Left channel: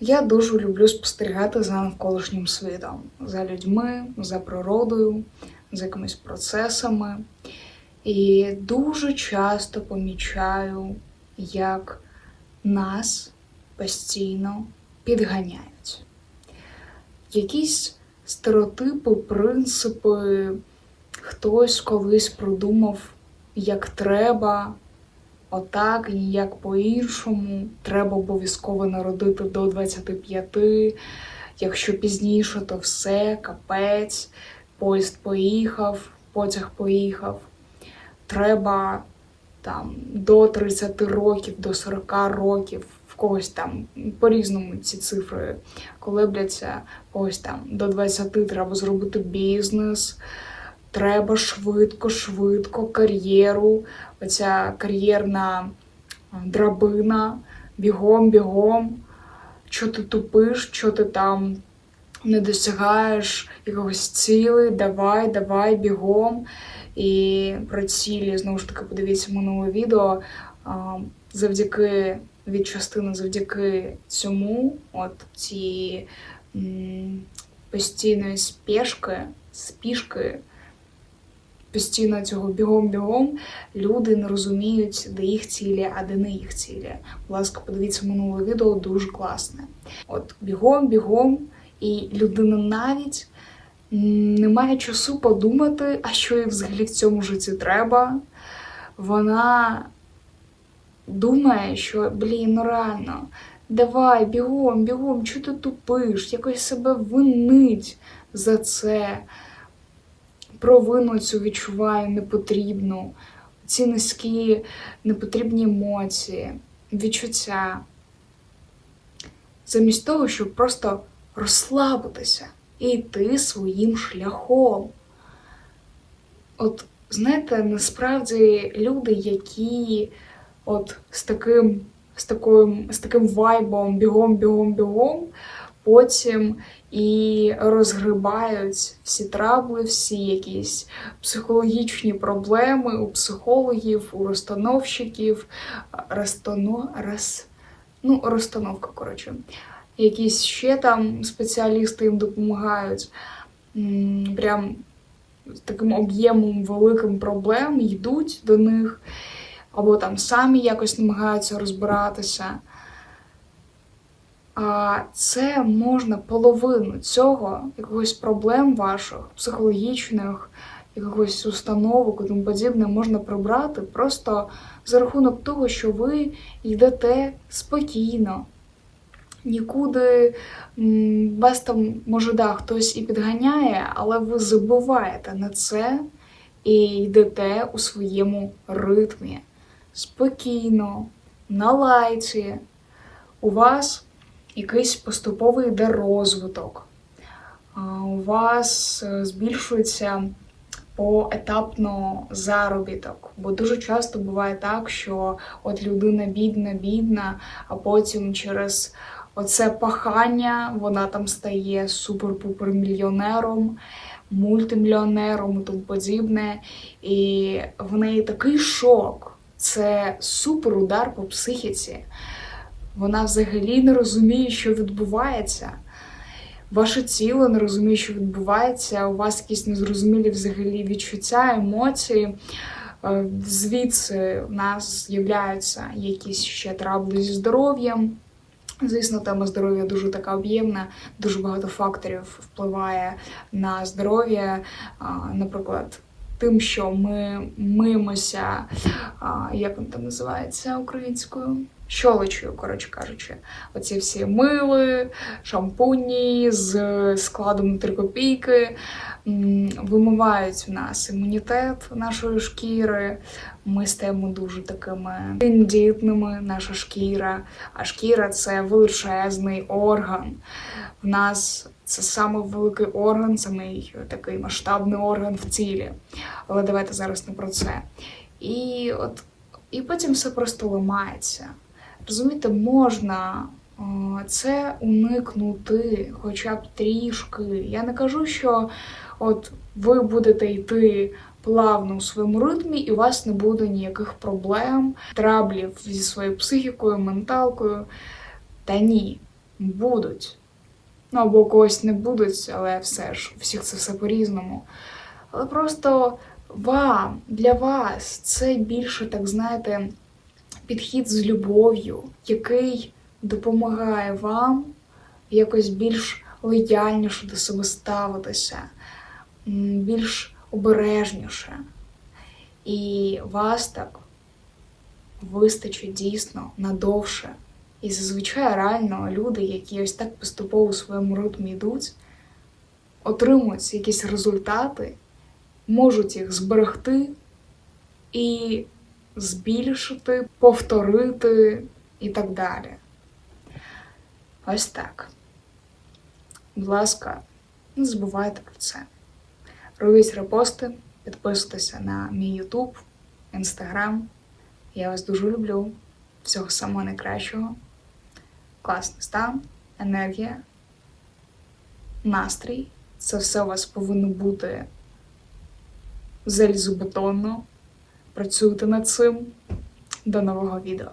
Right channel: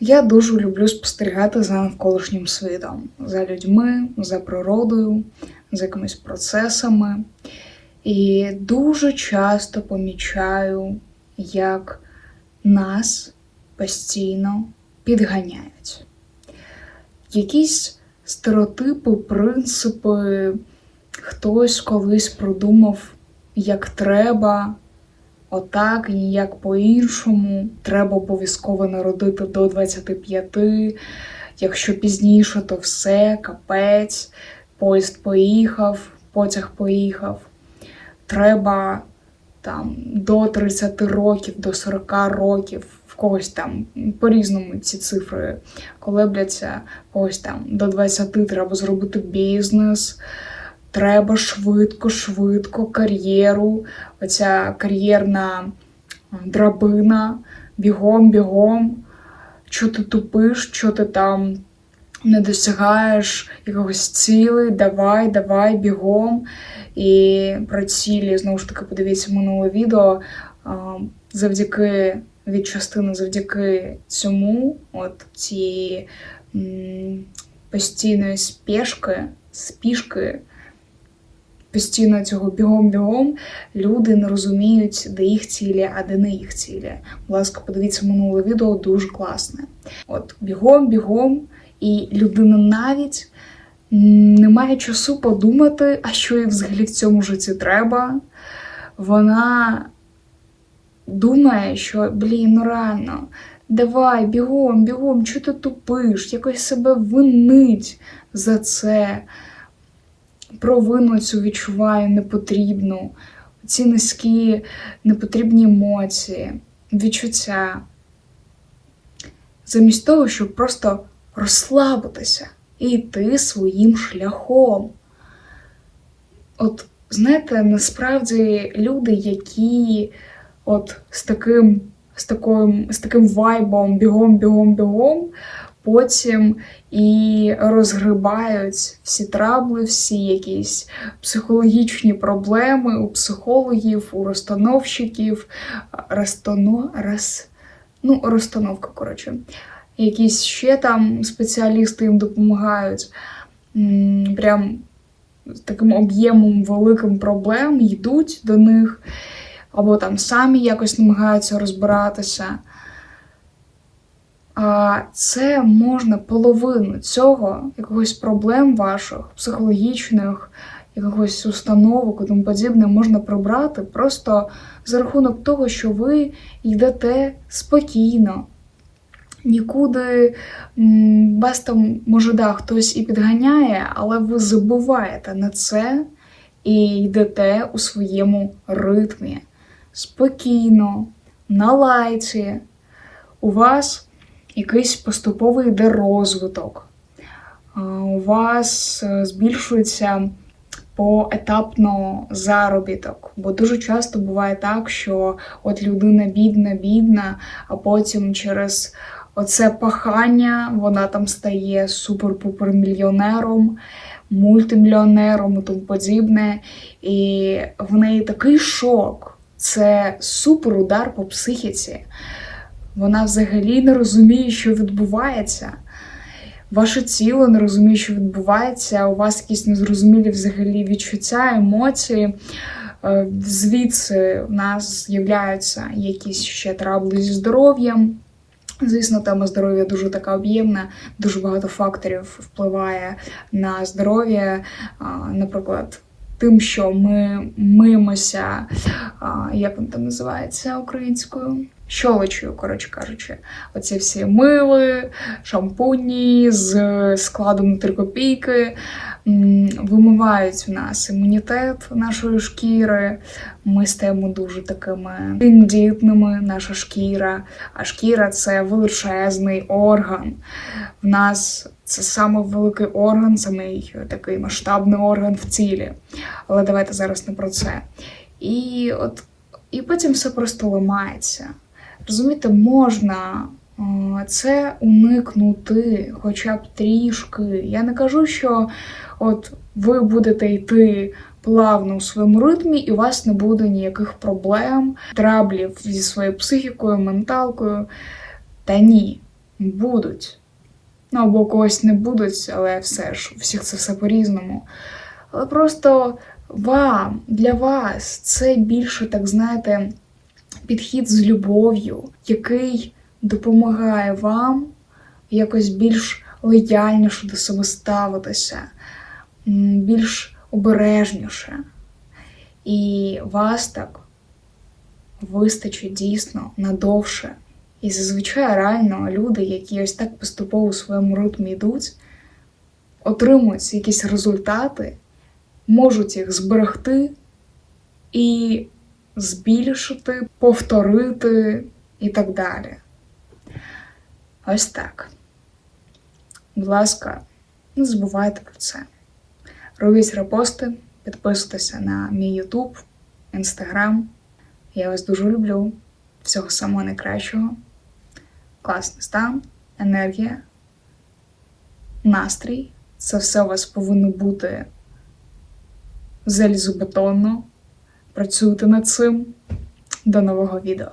Я дуже люблю спостерігати за навколишнім світом, за людьми, за природою, за якимись процесами. І дуже часто помічаю, як нас постійно підганяють. Якісь стереотипи, принципи, хтось колись придумав, як треба, отак ніяк по-іншому. Треба обов'язково народити до 25, якщо пізніше, то все, капець, поїзд поїхав, потяг поїхав. Треба там до 30 років, до 40 років, в когось там по-різному ці цифри колебляться, когось там до 20 треба зробити бізнес. Треба швидко, швидко кар'єру. Оця кар'єрна драбина, бігом, бігом. Що ти тупиш, що ти там не досягаєш якогось цілей, давай, давай, бігом. І про цілі, знову ж таки, подивіться минуле відео. Завдяки від частини, завдяки цьому, от цієї постійної спешки, спішки, постійно цього бігом-бігом, люди не розуміють, де їх цілі, а де не їх цілі. Будь ласка, подивіться минуле відео, дуже класне. От бігом-бігом, і людина навіть не має часу подумати, а що їй взагалі в цьому житті треба. Вона думає, що блін, ну реально, давай, бігом, бігом, чого ти тупиш, якось себе винить за це. Провину цю відчуває непотрібну, ці низькі непотрібні емоції, відчуття. Замість того, щоб просто розслабитися і йти своїм шляхом. От, знаєте, насправді люди, які от з таким, з таким, з таким вайбом бігом, бігом, бігом, потім і розгрибають всі трабли, всі якісь психологічні проблеми у психологів, у розстановщиків, розтано, роз, ну, розстановка, коротше. Якісь ще там спеціалісти їм допомагають. Прям з таким об'ємом великим проблем йдуть до них, або там самі якось намагаються розбиратися. А це можна половину цього, якогось проблем ваших, психологічних, якогось установок і тому подібне, можна прибрати просто за рахунок того, що ви йдете спокійно. Нікуди вас там, може, да, хтось і підганяє, але ви забуваєте на це і йдете у своєму ритмі. Спокійно, на лайці. У вас якийсь поступовий йде розвиток. У вас е, збільшується поетапно заробіток. Бо дуже часто буває так, що от людина бідна, бідна, а потім через оце пахання вона там стає супер-пупер мільйонером, мультимільйонером і тому подібне. І в неї такий шок. Це супер удар по психіці. Вона взагалі не розуміє, що відбувається. Ваше тіло не розуміє, що відбувається, у вас якісь незрозумілі взагалі відчуття, емоції. Е, Звідси в нас з'являються якісь ще трабли зі здоров'ям. Звісно, тема здоров'я дуже така об'ємна, дуже багато факторів впливає на здоров'я. Наприклад, тим, що ми мимося, як він там називається українською? Щолочою, коротше кажучи, оці всі мили, шампуні з складом на 3 копійки вимивають в нас імунітет нашої шкіри. Ми стаємо дуже такими тендітними, наша шкіра. А шкіра це величезний орган. В нас це саме великий орган, самий такий масштабний орган в тілі. Але давайте зараз не про це. І от і потім все просто ламається. Розумієте, можна е, це уникнути хоча б трішки. Я не кажу, що от ви будете йти плавно у своєму ритмі, і у вас не буде ніяких проблем, траблів зі своєю психікою, менталкою. Та ні. будуть. Ну, або когось не будуть, але все ж, у всіх це все по-різному. Але просто вам, для вас це більше, так знаєте, підхід з любов'ю, який допомагає вам якось більш лояльніше до себе ставитися, більш обережніше. І вас так вистачить дійсно надовше. І зазвичай реально люди, які ось так поступово у своєму ритмі йдуть, отримують якісь результати, можуть їх зберегти і збільшити, повторити і так далі. Ось так. Будь ласка, не забувайте про це. Робіть репости, підписуйтеся на мій YouTube, Instagram. Я вас дуже люблю. Всього самого найкращого. Класний стан, енергія, настрій. Це все у вас повинно бути залізобетонно. Працюйте над цим. До нового відео.